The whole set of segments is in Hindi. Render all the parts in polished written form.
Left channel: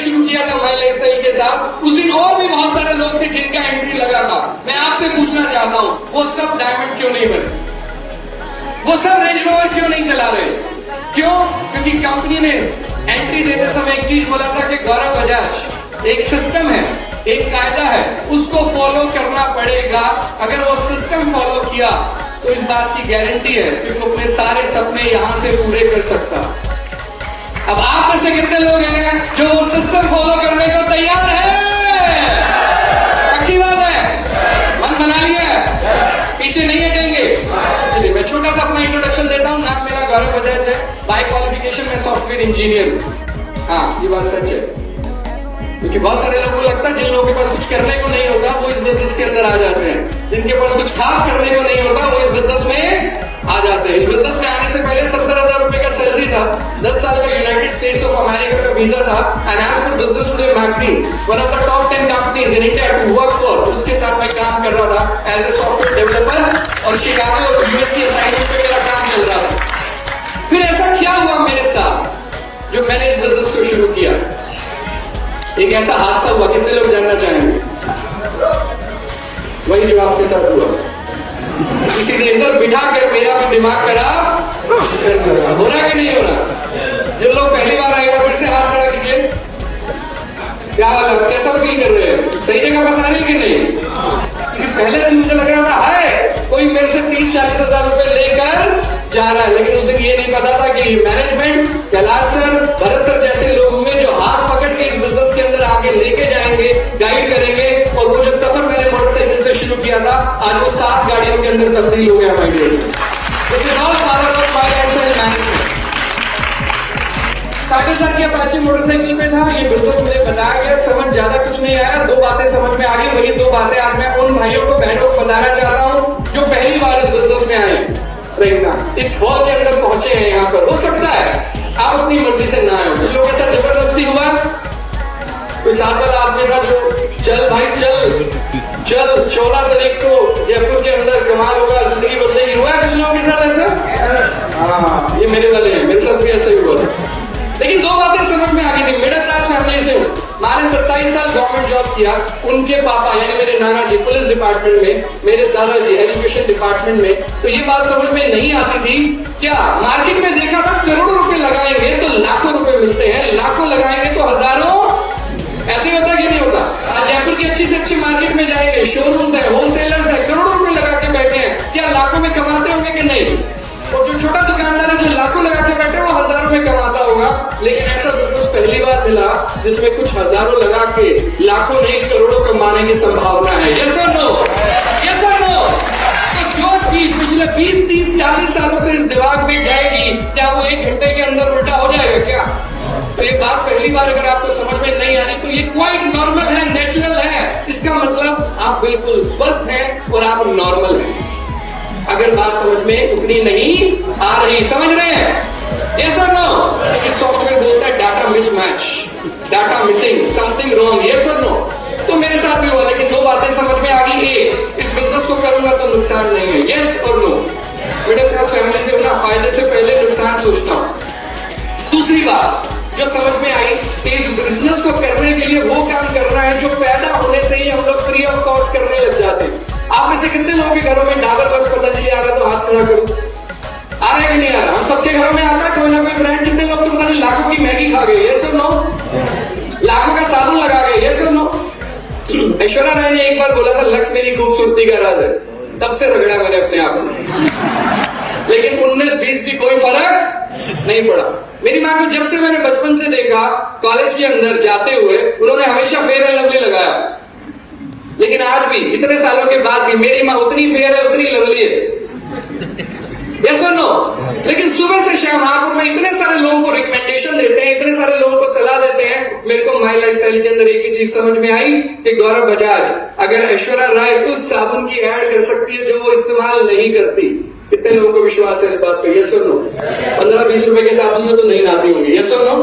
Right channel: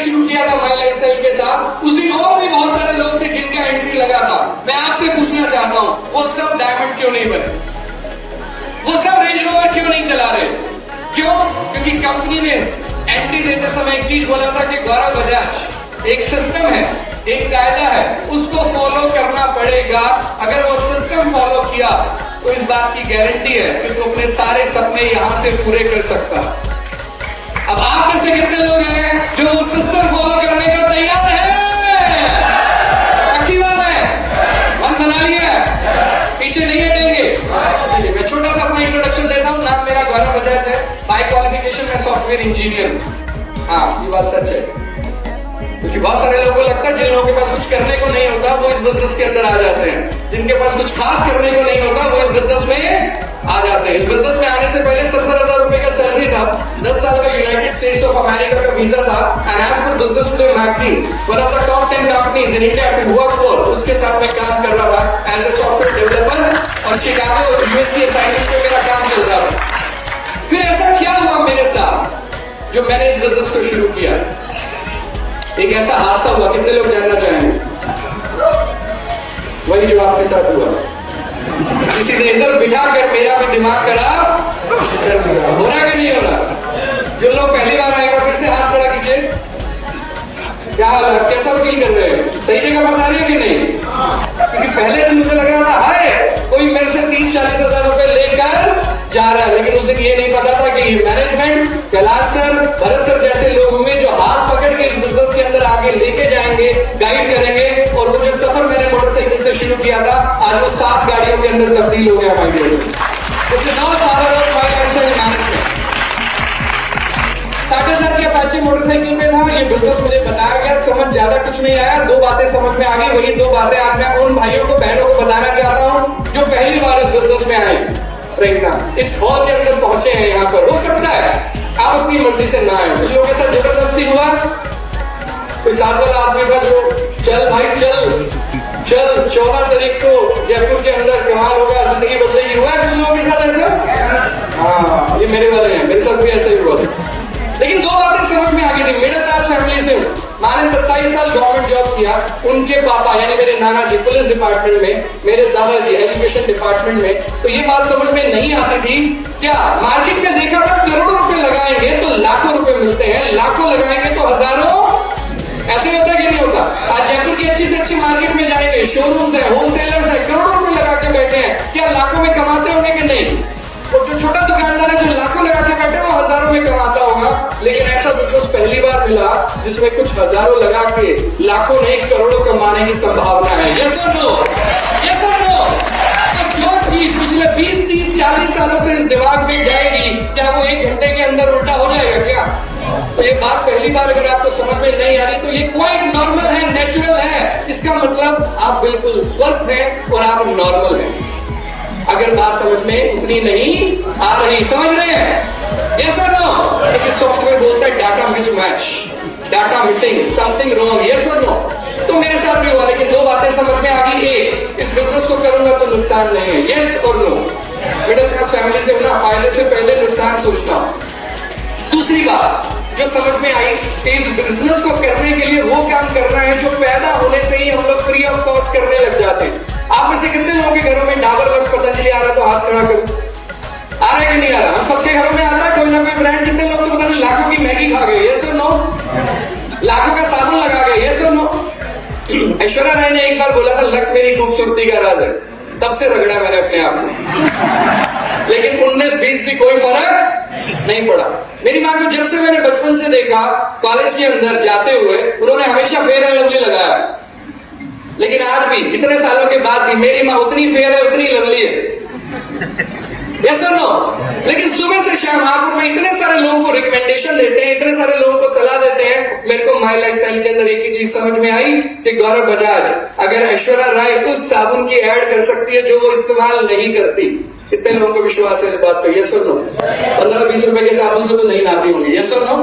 शुरू किया था माई लाइफस्टाइल के साथ, उस दिन और भी बहुत सारे लोग थे जिनका एंट्री लगा था। मैं आपसे पूछना चाहता हूं, वो सब डायमंड क्यों नहीं बने? वो सब रेंज रोवर क्यों नहीं चला रहे? क्यों? क्योंकि कंपनी ने एंट्री देते समय एक चीज बोला था कि गौरव बजाज एक सिस्टम है, एक कायदा है, उसको फॉलो करना पड़ेगा। अगर वो सिस्टम फॉलो किया तो इस बात की गारंटी है कि वो अपने सारे सपने यहां से पूरे कर सकता है। अब आप में से कितने लोग हैं जो वो सिस्टम फॉलो करने का तैयार है? पक्की बात है, मन बना लिया, पीछे नहीं हटेंगे। मैं छोटा सा आपको इंट्रोडक्शन देता हूँ। नाम मेरा गौरव बजाज है, बाय क्वालिफिकेशन मैं सॉफ्टवेयर इंजीनियर हूँ। हाँ, ये बात सच है, क्योंकि बहुत सारे लोगों को लगता है जिन लोगों के पास कुछ करने को नहीं होता वो इस बिजनेस के अंदर आ जाते हैं, जिनके पास कुछ खास करने को नहीं होता वो इस बिजनेस में आ जाते हैं। इस बिजनेस में आने से पहले 70,000 रुपए का सैलरी था, 10 साल का यूनाइटेड स्टेट्स ऑफ अमेरिका का वीजा था, एंड आज पर business today magazine one of the top 10 companies in India to work for, उसके साथ मैं काम कर रहा था एज ए सॉफ्टवेयर डेवलपर, और शिकागो यूएस की असाइनमेंट पे मेरा काम चल रहा था। फिर ऐसा क्या हुआ मेरे साथ जो मैंने इस बिजनेस को शुरू किया? एक ऐसा हादसा हुआ, कितने लोग जानना चाहेंगे? वही जो आपके साथ हुआ, किसी ने इधर बिठा कर मेरा भी दिमाग खराब हो रहा कि नहीं हो रहा? जो लोग पहली बार आएगा फिर से हाथ खड़ा कीजिए। क्या हाल है, कैसा फील कर रहे हैं? सही जगह बस आ रहे कि नहीं? क्योंकि पहले दिन मुझे लग रहा था हाय कोई मेरे से 30-40 हजार रुपए लेकर जा रहा है, लेकिन उस दिन ये नहीं पता था कि management, Kailash sir, Bharat sir जैसे लोगों में जो हाथ पकड़ के बिजनेस के अंदर आगे लेके जाएंगे, गाइड करेंगे, और वो जो सफर मैंने मोटरसाइकिल से शुरू किया था आज वो 7 गाड़ियों के अंदर तब्दील हो गया हमारे लिए। उसके नाम power of my lifestyle management. 60,000 की अपाचे मोटरसाइकिल में था, ये बिजनेस मुझे बताया गया, समझ ज्यादा कुछ नहीं आया, 2 बातें समझ में आ गई। वही 2 बातें आज मैं उन भाइयों को बहनों को बताना चाहता हूँ जो पहली बार इस बिजनेस में आए, इस हॉल के अंदर पहुंचे हैं। यहाँ पर हो सकता है आप अपनी मर्जी से ना आए, कुछ लोगों के साथ जबरदस्ती हुआ, कोई 60 वाला आदमी था जो चल भाई चल 14 तारीख को जयपुर के अंदर कमाल होगा, जिंदगी बदलेगी, हुआ कुछ लोगों के साथ ऐसा? हाँ, ये मेरे वाले हैं, मेरे साथ भी ऐसा ही हुआ था। लेकिन 2 बातें समझ में आ गई थी। मिडिल क्लास फैमिली से हूँ, मैंने 27 साल गवर्नमेंट जॉब किया, उनके पापा यानी मेरे नाना जी पुलिस डिपार्टमेंट में, मेरे दादाजी एजुकेशन डिपार्टमेंट में। तो ये बात समझ में नहीं आती थी, क्या मार्केट में देखा था करोड़ों रुपए लगाएंगे तो लाखों रुपए मिलते हैं, लाखों लगाएंगे तो हजारों, ऐसे होता कि नहीं होता? आज जयपुर की अच्छी से अच्छी मार्केट में जाएंगे, शोरूम्स है, होलसेलर्स है, करोड़ों रुपए लगा के बैठे हैं, क्या लाखों में कमाते होंगे कि नहीं? और जो छोटा दुकानदार है जो लाखों लगा के बैठे वो हजारों में कमाता होगा। लेकिन ऐसा बिजनेस पहली बार मिला जिसमें कुछ हजारों लगा के लाखों नहीं करोड़ों कमाने की संभावना है। यस और नो? यस और नो? तो जो चीज पिछले 20, 30, 40 सालों से इस दिमाग में जाएगी, क्या वो 1 घंटे के अंदर उल्टा हो जाएगा क्या? तो ये बात पहली बार अगर आपको समझ में नहीं आ रही तो ये क्वाइट नॉर्मल है, नेचुरल है। इसका मतलब आप बिल्कुल स्वस्थ हैं और आप नॉर्मल हैं। अगर बात समझ में उतनी नहीं आ रही, समझ रहे हैं? यस और नो? लेकिन सॉफ्टवेयर बोलता है data mismatch, data missing, something wrong. Yes और नो? तो मेरे साथ भी हुआ, लेकिन 2 बातें समझ में आ गई। एक, इस बिजनेस को करूंगा तो नुकसान नहीं है। यस और नो? मिडिल क्लास फैमिली से होना, फायदे से पहले नुकसान सोचता हूं। दूसरी बात जो समझ में आई कि इस बिजनेस को करने के लिए वो काम करना है जो पैदा होने से ही हम लोग फ्री ऑफ कॉस्ट करने लग जाते हैं। आप में से कितने लोगों के घरों में डाबर बस पतंजलि आ रहा तो हाथ खड़ा करो, आ रहा है कि नहीं आ रहा? हम सबके घरों में आ रहा है कोई ना कोई ब्रांड। कितने लोग तो पता नहीं लाखों की मैगी खा गए? यस और नो? लाखों का साबुन लगा गए? यस और नो? ऐश्वर्या राय ने एक बार बोला था लक्ष्य मेरी खूबसूरती का राज है, तब से रगड़ा मैंने अपने आप को, लेकिन 19-20 भी कोई फर्क नहीं पड़ा। मेरी माँ को जब से मैंने बचपन से देखा कॉलेज के अंदर जाते हुए, उन्होंने हमेशा फेयर एंड लवली लगाया, लेकिन आज भी इतने सालों के बाद भी मेरी माँ उतनी फेयर है, उतनी लवली है। यस और नो? लेकिन सुबह से शाम आपको मैं इतने सारे लोगों को रिकमेंडेशन देते हैं, इतने सारे लोगों को सलाह देते हैं, मेरे को माई लाइफस्टाइल के अंदर एक ही चीज समझ में आई कि गौरव बजाज अगर ऐश्वर्या राय उस साबुन की ऐड कर सकती है जो वो इस्तेमाल नहीं करती, कितने लोगों को विश्वास है इस बात पे? यस और नो? 15-20 रुपए के साबुन से तो नहीं आती होंगी। यस और नो?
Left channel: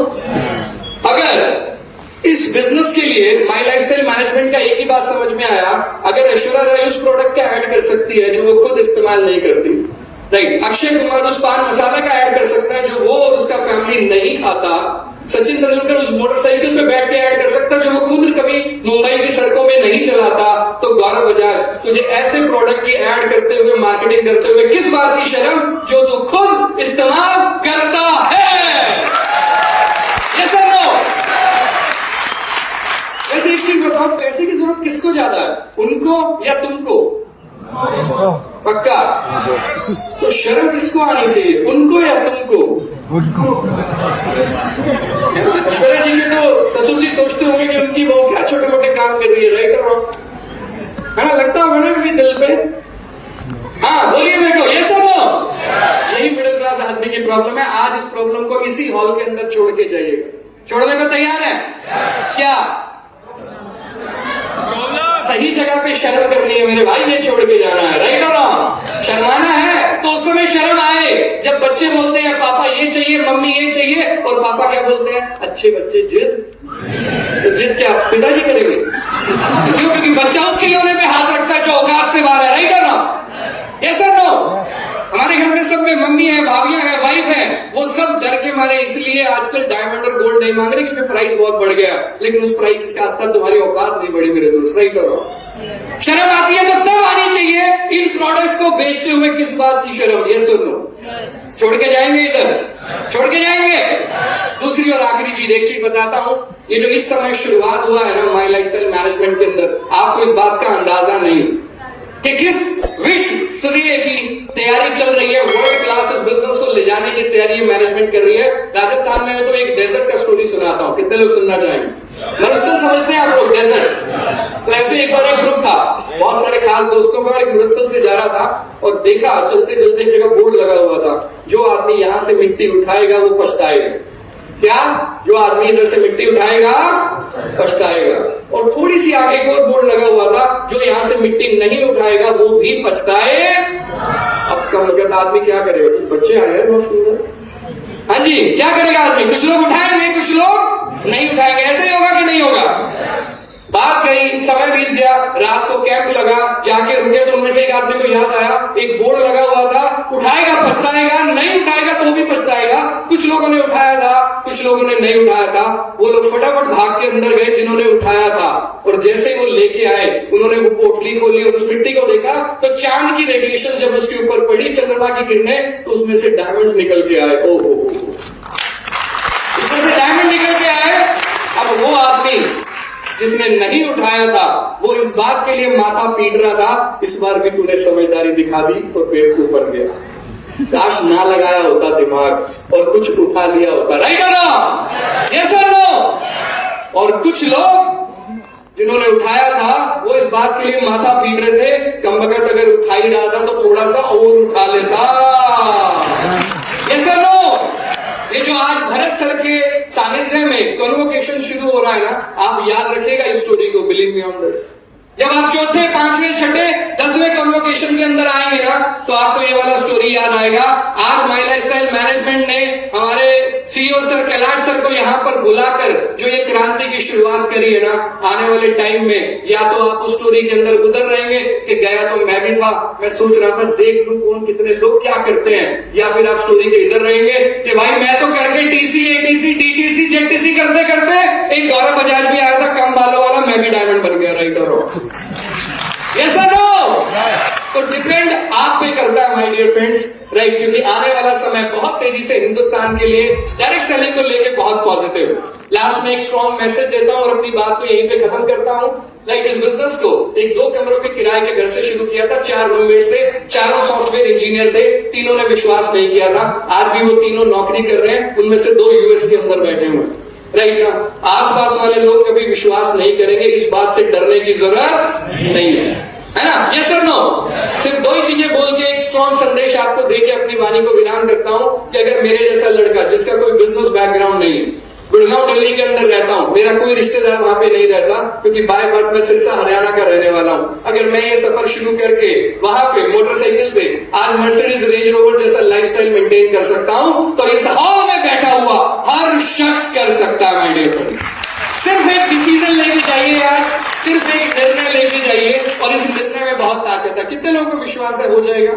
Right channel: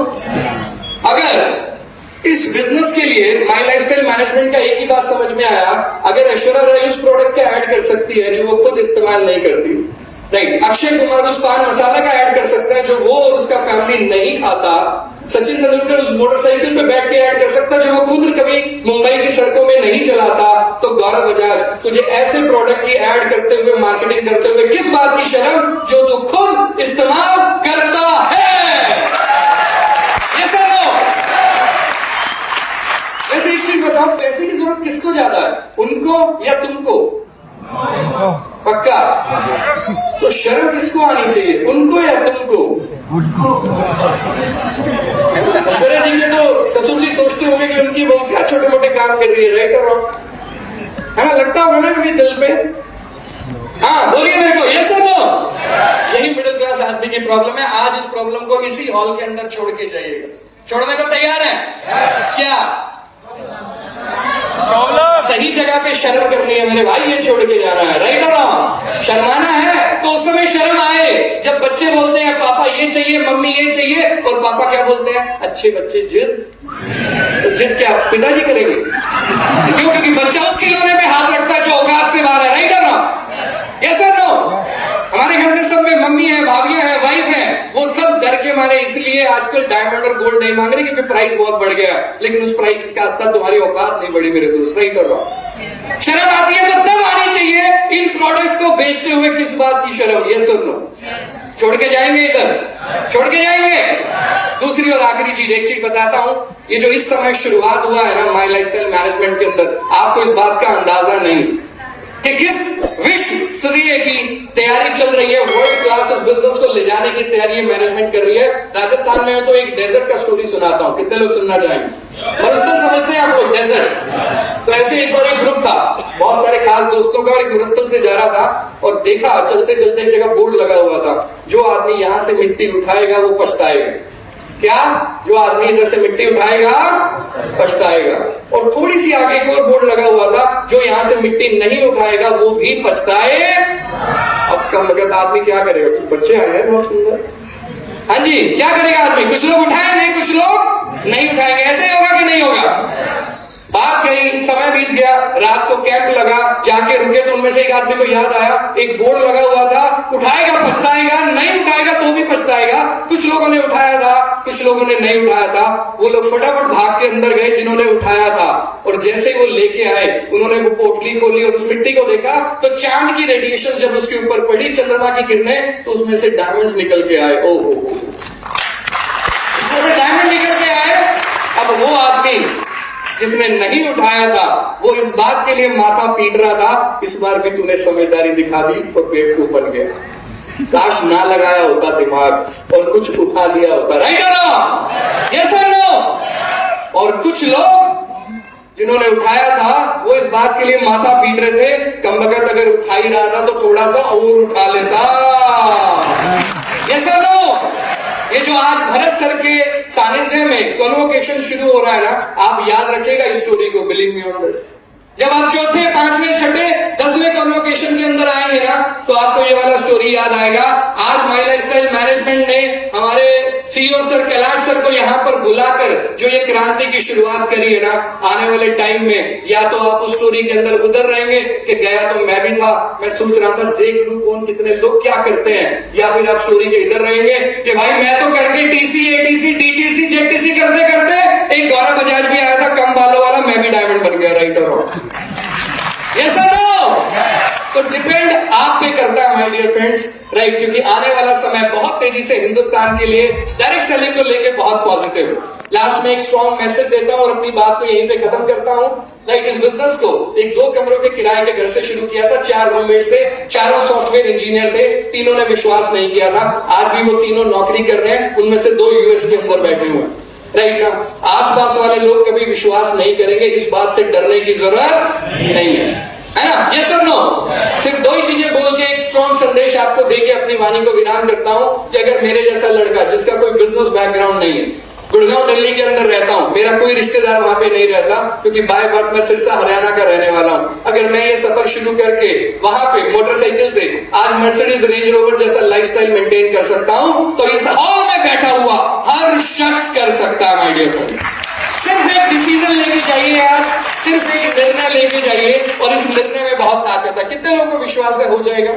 अगर इस बिजनेस के लिए माई लाइफस्टाइल मैनेजमेंट का एक ही बात समझ में आया, अगर ऐश्वर्या राय उस प्रोडक्ट का ऐड कर सकती है जो वो खुद इस्तेमाल नहीं करती, राइट, अक्षय कुमार उस पान मसाला का ऐड कर सकता है जो वो और उसका फैमिली नहीं खाता, सचिन तेंदुलकर उस मोटरसाइकिल पे बैठ के ऐड कर सकता जो वो खुद कभी मुंबई की सड़कों में नहीं चलाता। तो गौरव बजाज, तुझे ऐसे प्रोडक्ट की ऐड करते हुए, मार्केटिंग करते हुए किस बात की शर्म जो तू खुद इस्तेमाल करता है? ये सर लो। वैसे एक चीज बताओ, पैसे की जरूरत किसको ज्यादा है, उनको या तुमको? पक्का? तो शर्म किसको आनी चाहिए, उनको या तुमको? ऐश्वर्या जी के तो ससुर जी सोचते होंगे कि उनकी बहू क्या छोटे मोटे काम कर रही है, राइट और रॉन्ग? हाँ, लगता होगा ना उनके दिल पे। हाँ बोलिए मेरे को, ये सब नो। यही मिडिल क्लास आदमी की प्रॉब्लम है। आज इस प्रॉब्लम को इसी हॉल के अंदर छोड़ के जाइएगा। छोड़ने को तैयार है क्या? सही जगह पे शर्म करनी है मेरे भाई, ये छोड़ के जाना है, राइट और रॉन्ग? शर्माना है तो उस समय शर्म आए जब बच्चे बोलते हैं पापा ये चाहिए, मम्मी ये चाहिए, और पापा क्या बोलते हैं? अच्छे बच्चे जिद। तो जिद क्या पिताजी करेंगे? क्यों? क्योंकि बच्चा उस खिलौने पे हाथ रखता है जो औकात से बाहर है, राइट और रॉन्ग? ऐसा नो। हमारे घर में सब में मम्मी है, भाभियां है, वाइफ है, वो सब डर के मारे इसलिए आजकल डायमंड और गोल्ड नहीं मांग रहे क्योंकि प्राइस बहुत बढ़ गया। लेकिन उस प्राइस के साथ तुम्हारी औकात नहीं बढ़ी मेरे दोस्त, राइट और रॉन्ग? शर्म आती है तो तब आनी चाहिए। इन प्रोडक्ट्स को बेचते हुए किस बात की शर्म? ये सुन लो। छोड़ के जाएंगे इधर, छोड़ के जाएंगे। दूसरी और आखिरी चीज, एक चीज बताता हूं, ये जो इस समय शुरुआत हुआ है ना माई लाइफस्टाइल मैनेजमेंट के अंदर, आपको इस बात का अंदाजा नहीं कि किस विश्व स्तरीय की तैयारी चल रही है। वर्ल्ड क्लास इस बिजनेस को ले जाने की तैयारी मैनेजमेंट कर रही है। राजस्थान में तो एक डेजर्ट का स्टोरी सुनाता हूं, कितने लोग सुनना चाहेंगे? मरुस्थल समझते हैं आप लोग? डेजर्ट। तो ऐसे एक बार एक ग्रुप था बहुत सारे खास दोस्तों का, और मरुस्थल से जा रहा था और देखा चलते चलते एक जगह बोर्ड लगा हुआ था, जो आदमी यहां से मिट्टी उठाएगा वो पछताएगा। क्या? जो आदमी इधर से मिट्टी उठाएगा पछताएगा। और थोड़ी सी आगे एक और बोर्ड लगा हुआ था, जो यहां से मिट्टी नहीं उठाएगा वो भी पछताए। अब कम लगे आदमी क्या करेगा? कुछ बच्चे आए हैं बहुत सुंदर। हाँ जी, क्या करेगा आदमी? कुछ लोग उठाएंगे, कुछ लोग नहीं उठाएंगे। ऐसे ही होगा कि नहीं होगा? बात गई, समय बीत गया, रात को कैंप लगा, जाके रुके तो उनमें से एक आदमी को याद आया एक बोर्ड लगा हुआ था, उठाएगा पछताएगा, नहीं उठाएगा तो भी पछताएगा। कुछ लोगों ने उठाया था, कुछ लोगों ने नहीं उठाया था। वो लोग फटाफट भाग के अंदर गए जिन्होंने उठाया था, और जैसे वो लेके आए उन्होंने वो पोटली खोली और उस मिट्टी को देखा तो चांद की रेडिएशन जब उसके ऊपर पड़ी, चंद्रमा की किरणें, तो उसमें से डायमंड्स निकल के आए। ओहो, उसमें से डायमंड निकल के आए। अब वो आदमी जिसने नहीं उठाया था वो इस बात के लिए माथा पीट रहा था, इस बार भी तूने समझदारी दिखा दी और बेवकूफ बन गया। काश ना लगाया होता दिमाग और कुछ उठा लिया होता, राइट और रॉन्ग? यस और नो? और कुछ लोग जिन्होंने उठाया था वो इस बात के लिए माथा पीट रहे थे, कम वक्त अगर उठा ही रहा था तो थोड़ा सा और उठा लेता। यस और नो? ये जो आज भरत सर के सानिध्य में कन्वोकेशन शुरू हो रहा है ना, आप याद रखिएगा इस स्टोरी को, बिलीव मी ऑन दिस। जब आप चौथे, पांचवें, छठे, 10वें कन्वोकेशन के अंदर आएंगे ना, तो आपको ये वाला स्टोरी याद आएगा। आज माई लाइफस्टाइल मैनेजमेंट ने हमारे सीईओ सर कैलाश सर को यहाँ पर बुलाकर जो ये क्रांति की शुरुआत करी है ना, आने वाले टाइम में या तो आप उस स्टोरी के अंदर उतर रहेंगे कि गया तो मैं भी था, मैं सोच रहा था देख लूं कौन कितने लोग क्या करते हैं, या फिर आप स्टोरी के इधर रहेंगे कि भाई मैं तो करके टीसी, एटीसी, डीटीसी, जेटीसी करते करते एक गौरव बजाज भी आया था कम बालों वाला, मैं भी डायमंड बन गया, राइट और रॉन्ग? यस और नो? तो डिपेंड आप पे करता है माय डियर फ्रेंड्स, राइट? क्योंकि आने वाला समय बहुत तेजी से हिंदुस्तान के लिए डायरेक्ट सेलिंग को लेके बहुत पॉजिटिव। लास्ट में एक स्ट्रॉन्ग मैसेज देता हूं और अपनी बात को यहीं पे खत्म करता हूं। राइट, इस बिजनेस को एक 2 कमरों के किराए के घर से शुरू किया था, 4 रूममेट थे, चारों सॉफ्टवेयर इंजीनियर थे, तीनों ने विश्वास नहीं किया था। आज भी वो तीनों नौकरी कर रहे हैं, उनमें से 2 यूएस के अंदर बैठे हुए हैं। राइट ना? आसपास वाले लोग कभी विश्वास नहीं करेंगे, इस बात से डरने की जरूरत नहीं है ना? ये सब नो, सिर्फ 2 ही चीजें बोल के एक स्ट्रॉन्ग संदेश आपको देके अपनी वाणी को विराम करता हूं कि अगर मेरे जैसा लड़का जिसका कोई बिजनेस बैकग्राउंड नहीं है, गुड़गांव दिल्ली के अंदर रहता हूं, मेरा कोई रिश्तेदार वहां पे नहीं रहता क्योंकि बाय बर्थ में सिरसा हरियाणा का रहने वाला हूं, अगर मैं ये सफर शुरू करके वहां पे मोटरसाइकिल से आज मर्सिडीज रेंज रोवर जैसा लाइफस्टाइल मेंटेन कर सकता हूं, तो इस हॉल में बैठा हुआ हर शख्स कर सकता है माय डियर फ्रेंड। सिर्फ एक डिसीजन लेके जाइए आप, सिर्फ एक निर्णय लेके जाइए, और इस निर्णय में बहुत ताकत है। कितने लोगों को विश्वास है हो जाएगा?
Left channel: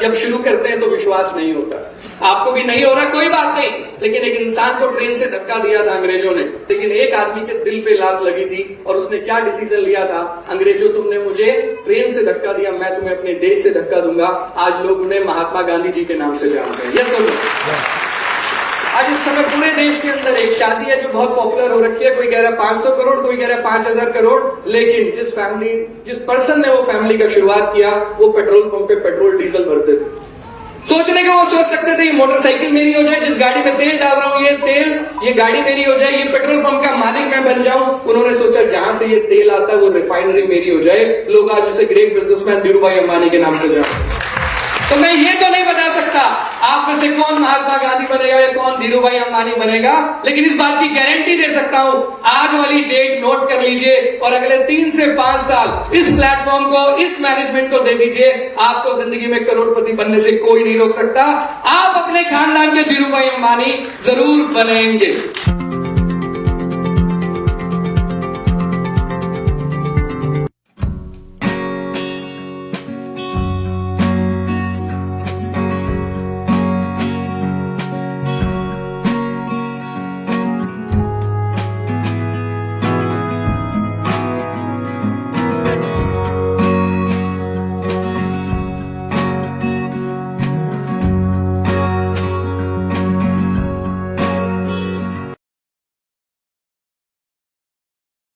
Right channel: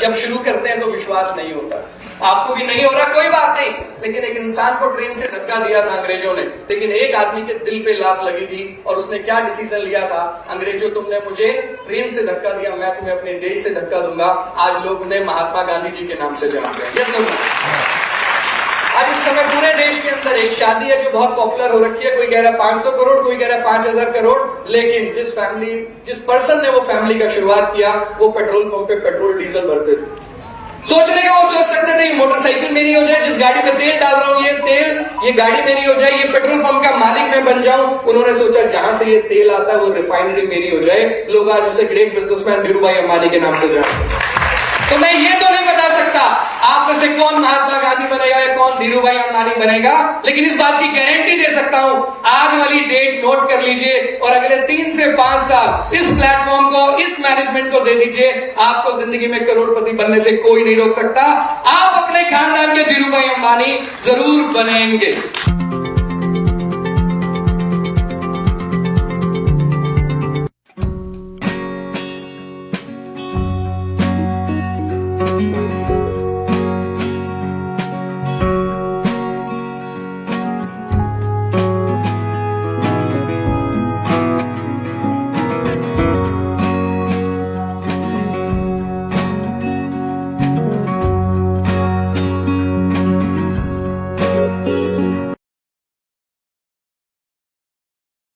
जब शुरू करते हैं तो विश्वास नहीं होता। आपको भी नहीं हो रहा, कोई बात नहीं, लेकिन एक इंसान को ट्रेन से धक्का दिया था अंग्रेजों ने, लेकिन एक आदमी के दिल पे लात लगी थी और उसने क्या डिसीजन लिया था, अंग्रेजों तुमने मुझे ट्रेन से धक्का दिया, मैं तुम्हें अपने देश से धक्का दूंगा। आज लोग उन्हें महात्मा गांधी जी के नाम से जानते हैं। यस आज इस समय पूरे देश के अंदर एक शादी है जो बहुत पॉपुलर हो रखी है, कोई कह रहा है 500 करोड़, कोई कह रहा है 5000 करोड़, लेकिन जिस पर्सन ने वो फैमिली का शुरुआत किया वो पेट्रोल पंप पे पेट्रोल डीजल भरते थे। सोचने के वो सोच सकते थे मोटरसाइकिल मेरी हो जाए, जिस गाड़ी में तेल डाल रहा हूं ये गाड़ी मेरी हो जाए, ये पेट्रोल पंप का मालिक मैं बन जाऊं। उन्होंने सोचा जहां से ये तेल आता है वो रिफाइनरी मेरी हो जाए। लोग आज उसे ग्रेट बिजनेसमैन धीरूभाई अंबानी के नाम से जानते हैं। तो मैं ये तो नहीं बता सकता आप में से कौन महात्मा गांधी बनेगा या कौन धीरूभाई अंबानी बनेगा, लेकिन इस बात की गारंटी दे सकता हूं, आज वाली डेट नोट कर लीजिए और अगले 3 से 5 साल इस प्लेटफॉर्म को, इस मैनेजमेंट को दे दीजिए, आपको जिंदगी में करोड़पति बनने से कोई नहीं रोक सकता। आप अपने खानदान के धीरूभाई अंबानी जरूर बनेंगे।